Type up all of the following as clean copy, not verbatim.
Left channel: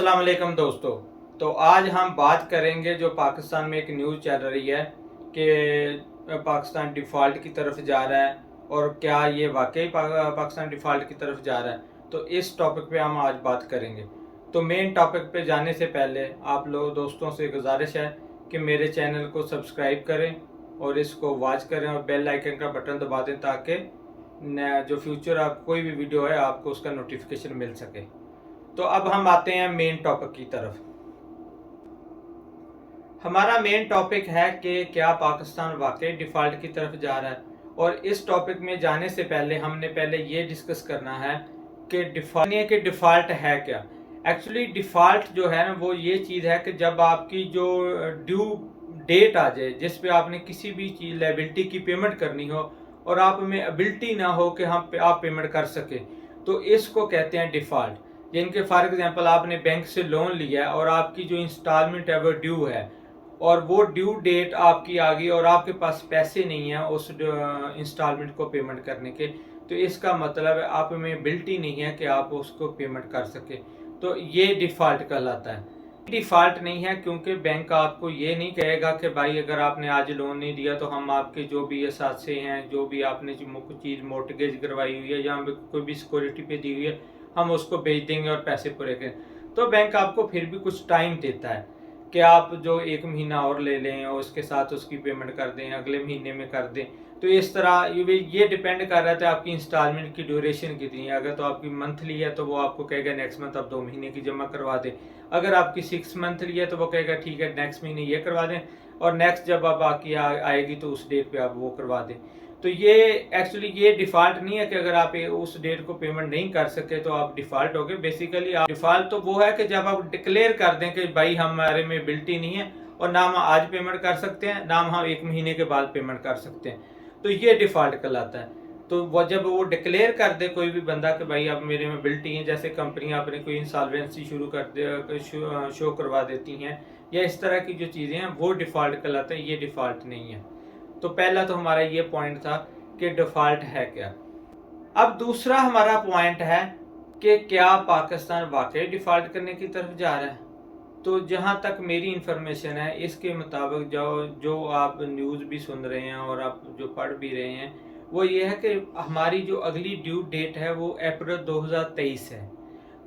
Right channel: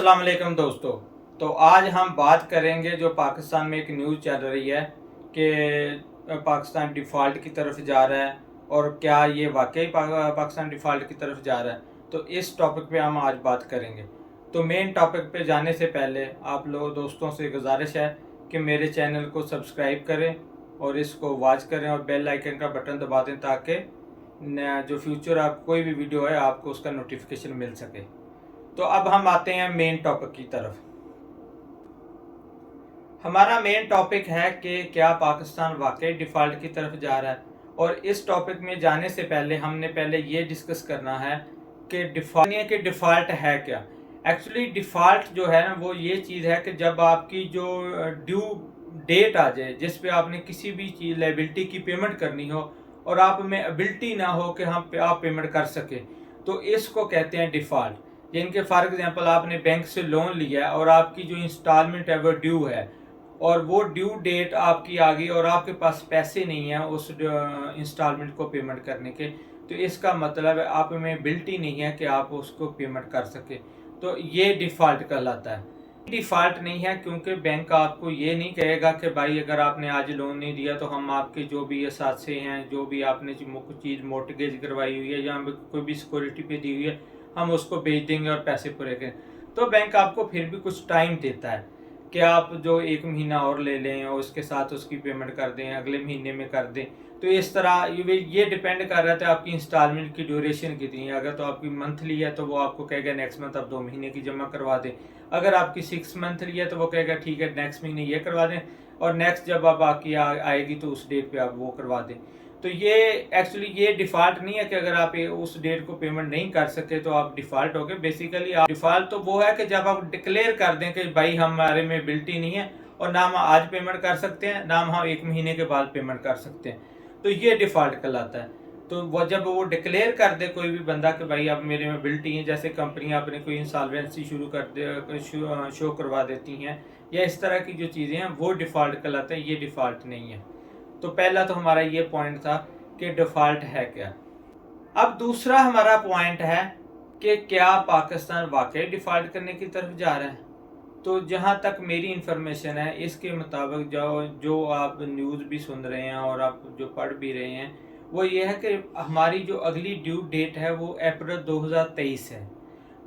अस्सलाम वालेकुम दोस्तों। तो आज हम बात करेंगे जो पाकिस्तान में एक न्यूज़ चल रही है कि पाकिस्तान डिफ़ॉल्ट की तरफ जा रहा है और क्या ये वाकई पाकिस्तान डिफ़ॉल्ट की तरफ जा रहा है। तो इस टॉपिक पे हम आज बात करेंगे। तो मेन टॉपिक पे जाने से पहले आप लोग दोस्तों से गुजारिश है कि मेरे चैनल को सब्सक्राइब करें और इसको वॉच करें और बेल आइकन का बटन दबा दें ताकि जो फ्यूचर आप कोई भी वीडियो है आपको उसका नोटिफिकेशन मिल सके। तो अब हम आते हैं मेन टॉपिक की तरफ। हमारा मेन टॉपिक है कि क्या पाकिस्तान वाकई डिफ़ॉल्ट की तरफ जा रहा है। और इस टॉपिक में जाने से पहले हमने पहले ये डिस्कस करना है कि डिफ़ॉल्ट है क्या। एक्चुअली डिफ़ॉल्ट जो है ना वो ये चीज़ है कि जब आपकी जो ड्यू डेट आ जाए जिस पे आपने किसी भी चीज़ लायबिलिटी की पेमेंट करनी हो और आप में एबिलिटी ना हो कि आप पेमेंट कर सके, तो इसको कहते हैं डिफ़ॉल्ट। जिनके फॉर एग्जांपल आपने बैंक से लोन लिया है और आपकी जो इंस्टॉलमेंट है वो ड्यू है और वो ड्यू डेट आपकी आ गई और आपके पास पैसे नहीं है उस इंस्टॉलमेंट को पेमेंट करने के, तो इसका मतलब है आप में एबिलिटी नहीं है कि आप उसको पेमेंट कर सके, तो ये डिफ़ॉल्ट कहलाता है। डिफ़ॉल्ट नहीं है क्योंकि बैंक आपको ये नहीं कहेगा कि भाई अगर आपने आज लोन नहीं दिया तो हम आपके जो भी असासे हैं, जो भी आपने कुछ चीज़ मोर्टगेज करवाई हुई है या कोई भी सिक्योरिटी पे दी हुई है, हम उसको बेच देंगे और पैसे पूरे करें। तो बैंक आपको फिर भी कुछ टाइम देता है कि आप जो 1 महीना और ले लें और उसके साथ उसकी पेमेंट कर दें, अगले महीने में कर दें। तो इस तरह ये डिपेंड कर रहा था आपकी इंस्टॉलमेंट की ड्यूरेशन कितनी है। अगर तो आपकी मंथली है तो वो आपको कहेगा नेक्स्ट मंथ आप 2 महीने की जमा करवा दें। अगर आपकी 6 मंथली है तो वो कहेगा ठीक है नेक्स्ट महीने ये करवा दें और नेक्स्ट जब आप आपकी आएगी तो उस डेट पे आप वो करवा दें। तो ये एक्चुअली ये डिफ़ॉल्ट नहीं है कि अगर आप उस डेट को पेमेंट नहीं कर सके तो आप डिफ़ॉल्ट हो गए। बेसिकली आप डिफ़ॉल्ट तो वो है कि जब आप डिक्लेयर कर दें कि भाई हमारे में एबिलिटी नहीं है और ना हम आज पेमेंट कर सकते हैं ना हम 1 महीने के बाद पेमेंट कर सकते हैं, तो ये डिफ़ॉल्ट कहलाता है। तो वो जब वो डिक्लेयर कर दे कोई भी बंदा कि भाई अब मेरे में एबिलिटी है, जैसे कंपनी अपने कोई इंसॉल्वेंसी शुरू कर दे शो करवा देती हैं या इस तरह की जो चीज़ें हैं वो डिफ़ॉल्ट कहलाते हैं, ये डिफ़ॉल्ट नहीं है। तो पहला तो हमारा ये पॉइंट था कि डिफ़ॉल्ट है क्या। अब दूसरा हमारा पॉइंट है कि क्या पाकिस्तान वाकई डिफ़ॉल्ट करने की तरफ जा रहा है। तो जहाँ तक मेरी इन्फॉर्मेशन है इसके मुताबिक जो जो आप न्यूज़ भी सुन रहे हैं और आप जो पढ़ भी रहे हैं वो ये है कि हमारी जो अगली ड्यू डेट है वो अप्रैल 2023 है।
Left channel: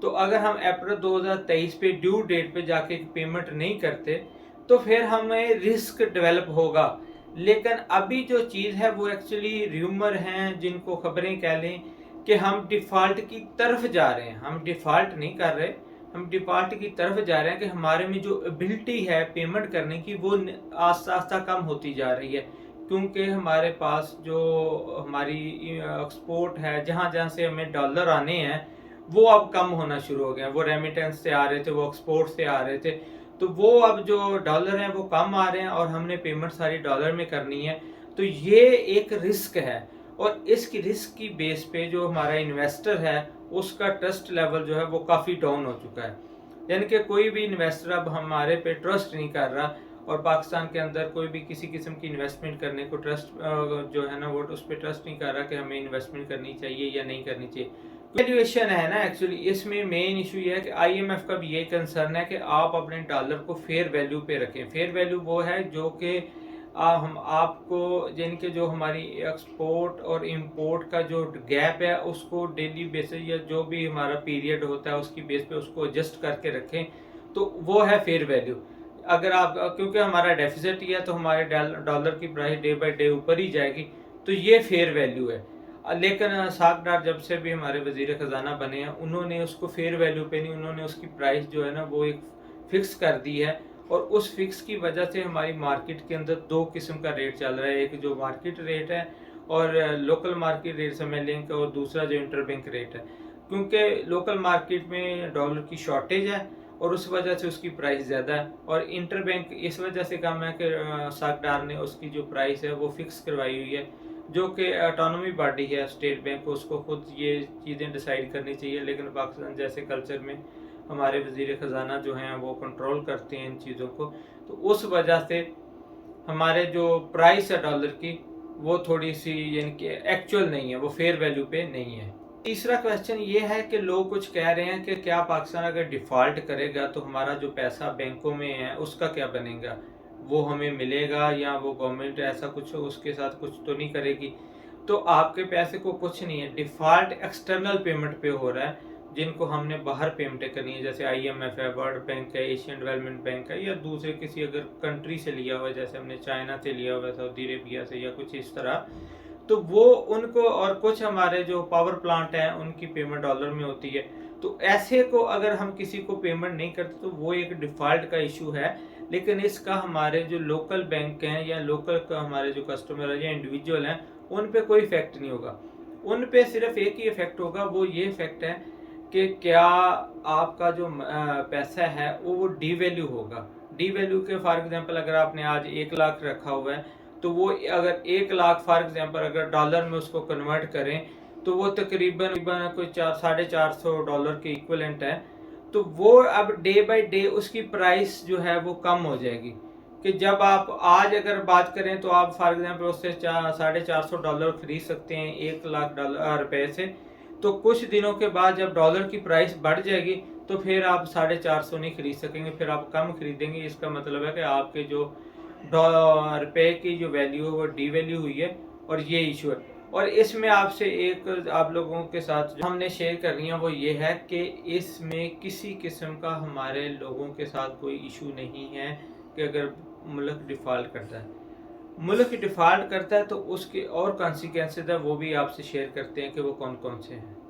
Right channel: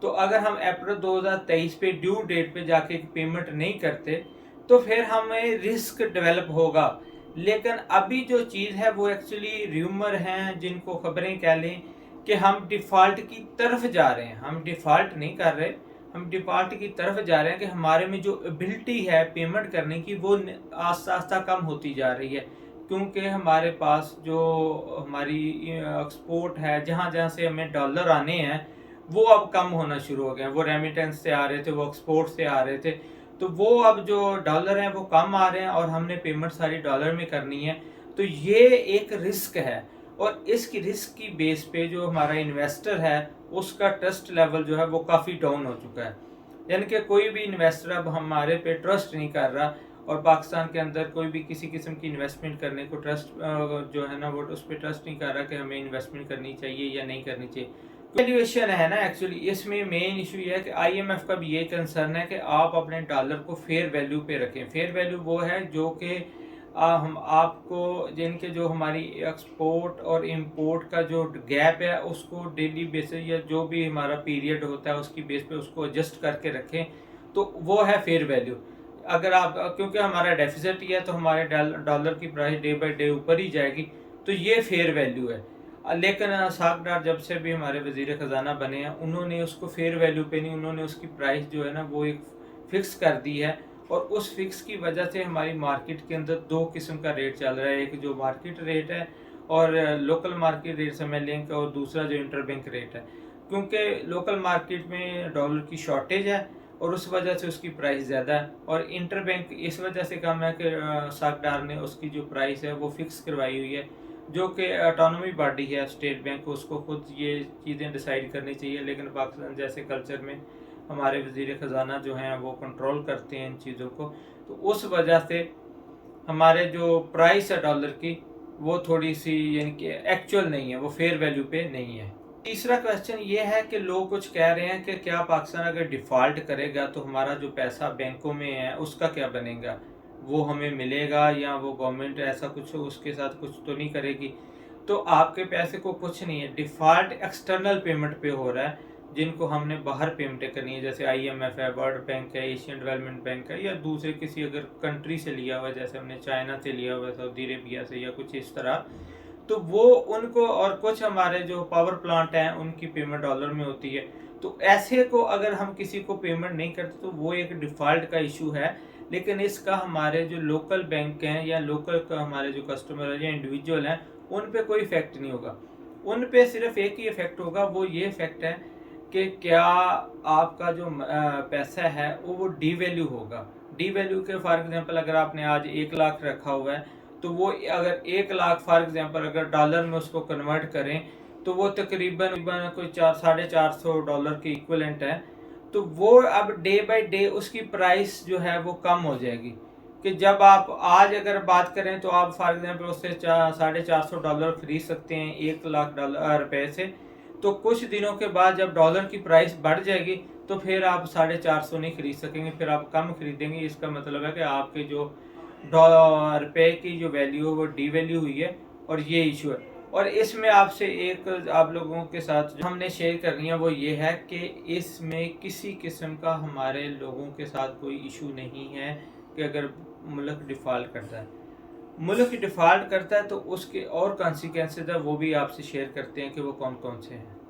तो अगर हम अप्रैल 2023 पे ड्यू डेट पे जाके पेमेंट नहीं करते तो फिर हमें रिस्क डेवलप होगा। लेकिन अभी जो चीज़ है वो एक्चुअली र्यूमर हैं, जिनको खबरें कह लें कि हम डिफ़ॉल्ट की तरफ जा रहे हैं। हम डिफ़ॉल्ट नहीं कर रहे, हम डिफ़ॉल्ट की तरफ जा रहे हैं कि हमारे में जो एबिलिटी है पेमेंट करने की वो आस्ता आस्ता कम होती जा रही है, क्योंकि हमारे पास जो हमारी एक्सपोर्ट है, जहाँ जहाँ से हमें डॉलर आने हैं वो अब कम होना शुरू हो गए हैं। वो रेमिटेंस से आ रहे थे, वो एक्सपोर्ट से आ रहे थे, तो वो अब जो डॉलर हैं वो कम आ रहे हैं और हमने पेमेंट सारी डॉलर में करनी है। तो ये एक रिस्क है और इसकी रिस्क की बेस पे जो हमारा इन्वेस्टर है उसका ट्रस्ट लेवल जो है वो काफ़ी डाउन हो चुका है। यानी कि कोई भी इन्वेस्टर अब हमारे पे ट्रस्ट नहीं कर रहा और पाकिस्तान के अंदर कोई भी किसी किस्म की इन्वेस्टमेंट करने को ट्रस्ट जो है ना वो उस पर ट्रस्ट नहीं कर रहा कि हमें इन्वेस्टमेंट करनी चाहिए या नहीं करनी चाहिए। वैल्यूएशन है ना, एक्चुअली इसमें मेन इशू ये है कि आईएमएफ का भी ये कंसर्न है कि आप अपने डॉलर को फेयर वैल्यू पे रखें। फेयर वैल्यू वो है जो कि हम आपको जिनके जो हमारी एक्सपोर्ट और इंपोर्ट का जो गैप है उसको डेली बेसिस या जो भी हमारा पीरियड होता है उसकी बेस पे उसको एडजस्ट करके रखें, तो वो है फेयर वैल्यू। अगर आप क्योंकि हमारा डेफिसिट ही है तो हमारे डॉलर की प्राइस डे बाई डे ऊपर ही जाएगी, तो ये फेयर वैल्यू है। लेकिन साख डार जब से भी हमारे वज़ीर ख़जाना बने हैं उन्होंने उसको फेयर वैल्यू पे नहीं, उन्होंने उसकी प्राइस जो है ना वो एक फ़िक्स कर दी है और उस फिक्स की वजह से हमारी मार्केट के अंदर 2 किस्म का रेट चल रहा है। एक जो मार्केट रेट है और लोकल मार्केट रेट समझ लें और दूसरा जो इंटरबैंक रेट है, क्योंकि लोकल मार्केट में डॉलर की शॉर्टेज है और उस वजह से उसकी प्राइस ज़्यादा है और इंटरबैंक इस वजह से कम है कि साखदार ने उसकी जो प्राइस है वो फिक्स करवाई हुई है, जो कि ऑटोनॉमी बॉडी है स्टेट बैंक, उसको खुद ये चीज़ें डिसाइड करनी चाहिए। लेकिन पाकिस्तान जैसे कल्चर में हमारे वज़ीर ख़जाना जो हैं वो कंट्रोल करते हैं इन चीज़ों को, तो उस वजह से हमारे जो प्राइस है डॉलर की वो थोड़ी सी यानी कि एक्चुअल नहीं है, वो फेयर वैल्यू पे नहीं है। तीसरा क्वेश्चन ये है कि लोग कुछ कह रहे हैं कि क्या पाकिस्तान अगर डिफ़ॉल्ट करेगा तो हमारा जो पैसा बैंकों में है उसका क्या बनेगा, वो हमें मिलेगा या वो गवर्नमेंट ऐसा कुछ उसके साथ कुछ तो नहीं करेगी। तो आपके पैसे को कुछ नहीं है, डिफ़ॉल्ट एक्सटर्नल पेमेंट पे हो रहा है जिनको हमने बाहर पेमेंटें करनी है, जैसे IMF है, वर्ल्ड बैंक है, एशियन डेवलपमेंट बैंक है, या दूसरे किसी अगर कंट्री से लिया हुआ है, जैसे हमने चाइना से लिया हुआ है, सऊदी अरेबिया से, या कुछ इस तरह। तो वो उनको, और कुछ हमारे जो पावर प्लांट हैं उनकी पेमेंट डॉलर में होती है। तो ऐसे को अगर हम किसी को पेमेंट नहीं करते तो वो एक डिफ़ॉल्ट का इशू है। लेकिन इसका हमारे जो लोकल बैंक हैं या लोकल का हमारे जो कस्टमर है या इंडिविजुअल हैं उन पे कोई इफेक्ट नहीं होगा। उन पे सिर्फ एक ही इफेक्ट होगा, वो ये इफेक्ट है कि क्या आपका जो पैसा है वो डीवैल्यू होगा। डीवैल्यू के फॉर एग्जांपल अगर आपने आज 1 लाख रखा हुआ है तो वो अगर 1 लाख फॉर एग्जांपल अगर डॉलर में उसको कन्वर्ट करें तो वो तकरीबन कोई 400-450 डॉलर के इक्वलेंट है। तो वो अब डे बाय डे उसकी प्राइस जो है वो कम हो जाएगी। कि जब आप आज अगर बात करें तो आप फॉर एग्जांपल उससे 450 डॉलर खरीद सकते हैं 1 लाख रुपए से। तो कुछ दिनों के बाद जब डॉलर की प्राइस बढ़ जाएगी तो फिर आप 450 नहीं खरीद सकेंगे, फिर आप कम खरीदेंगे। इसका मतलब है कि आपके जो रुपए की जो वैल्यू है वो डीवैल्यू हुई है, और ये इशू है। और इसमें आपसे एक आप लोगों के साथ जो हमने शेयर करनी है वो ये है कि इसमें किसी किस्म का हमारे लोगों के साथ कोई इशू नहीं है कि अगर मुल्क डिफ़ॉल्ट करता है। मुल्क डिफ़ॉल्ट करता है तो उसके और कॉन्सिक्वेंसेस है, वो भी आपसे शेयर करते हैं कि वो कौन कौन से हैं।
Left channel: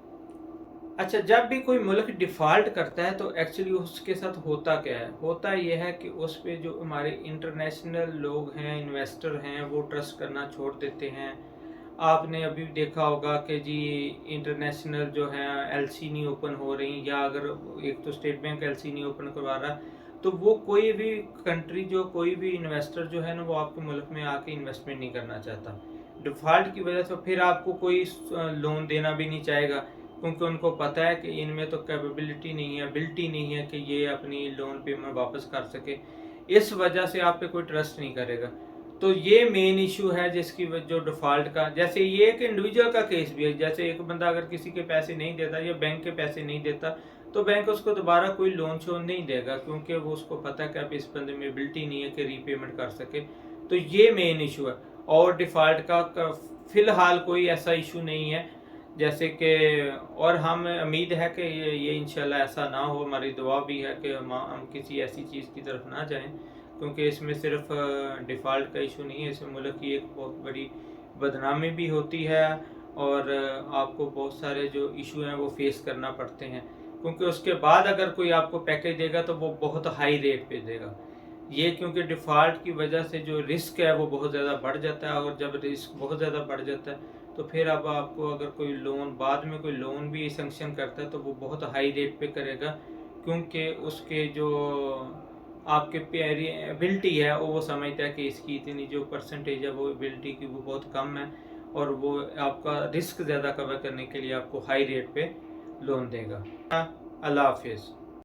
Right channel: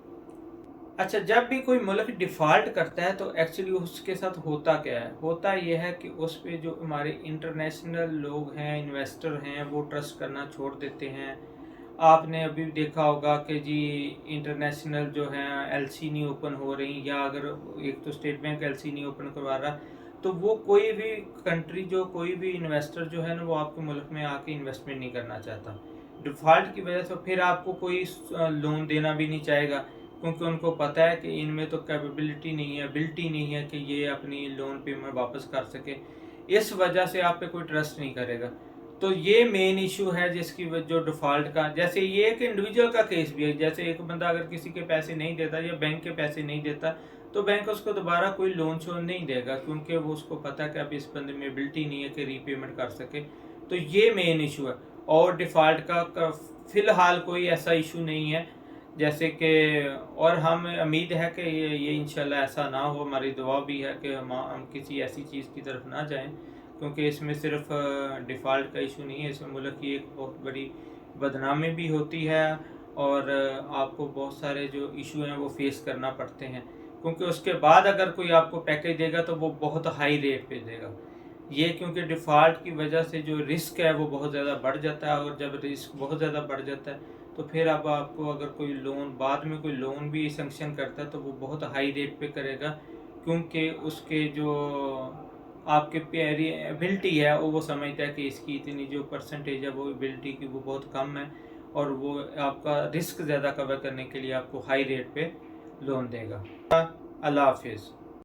अच्छा, जब भी कोई मुल्क डिफ़ॉल्ट करता है तो एक्चुअली उसके साथ होता क्या है? होता ये है कि उस पे जो हमारे इंटरनेशनल लोग हैं, इन्वेस्टर हैं, वो ट्रस्ट करना छोड़ देते हैं। आपने अभी देखा होगा कि जी इंटरनेशनल जो हैं एलसी नहीं ओपन हो रही, या अगर एक तो स्टेट बैंक एलसी नहीं ओपन करवा रहा, तो वो कोई भी कंट्री जो कोई भी इन्वेस्टर जो है ना वो आपके मुल्क में आके इन्वेस्टमेंट नहीं करना चाहता। डिफ़ॉल्ट की वजह से फिर आपको कोई लोन देना भी नहीं चाहेगा, क्योंकि उनको पता है कि इनमें तो कैपेबिलिटी नहीं है, एबिलिटी नहीं है कि ये अपनी लोन पेमेंट वापस कर सके। इस वजह से आप पे कोई ट्रस्ट नहीं करेगा। तो ये मेन इशू है जिसकी जो डिफ़ॉल्ट का, जैसे ये एक इंडिविजुअल का केस भी है। जैसे एक बंदा अगर किसी के पैसे नहीं देता या बैंक के पैसे नहीं देता तो बैंक उसको दोबारा कोई लोन शोन नहीं देगा, क्योंकि वो उसको पता है कि अब इस बंदे में एबिलिटी नहीं है कि रीपेमेंट कर सके। तो ये मेन इशू है। और डिफ़ॉल्ट का फ़िलहाल कोई ऐसा इशू नहीं है जैसे कि, और हम उम्मीद है कि ये इंशाल्लाह ऐसा ना हो। हमारी दुआ भी है कि हम किसी ऐसी चीज़ की तरफ ना जाएं, क्योंकि इसमें सिर्फ डिफ़ॉल्ट का इशू नहीं है, इसमें मुल्क की एक बहुत बड़ी बदनामी भी होती है, और आपको बहुत सारे जो इशू हैं वो फेस करना पड़ते हैं। क्योंकि उसके बाद अगर कोई आपको पैकेज देगा तो वो बहुत हाई रेट पे देगा। ये क्योंकि डिफ़ॉल्ट की वजह से जो रिस्क है वो बहुत ज़्यादा बढ़ जाता है, और जब रिस्क बहुत ज़्यादा बढ़ जाता है तो फिर अब आपको अगर कोई लोन बाद में कोई लोन भी सैंक्शन करता है तो वो बहुत हाई रेट पे करेगा, क्योंकि उसके जो आपके प्यारी एबिलिटी है वो समझता है कि इसकी इतनी जो परसेंटेज है वो एबिलिटी की वो बहुत कम है, और वो आपका रिस्क ज़्यादा कवर करने के लिए आपको हाई रेट पे लोन देगा। अल्लाह हाफिज़।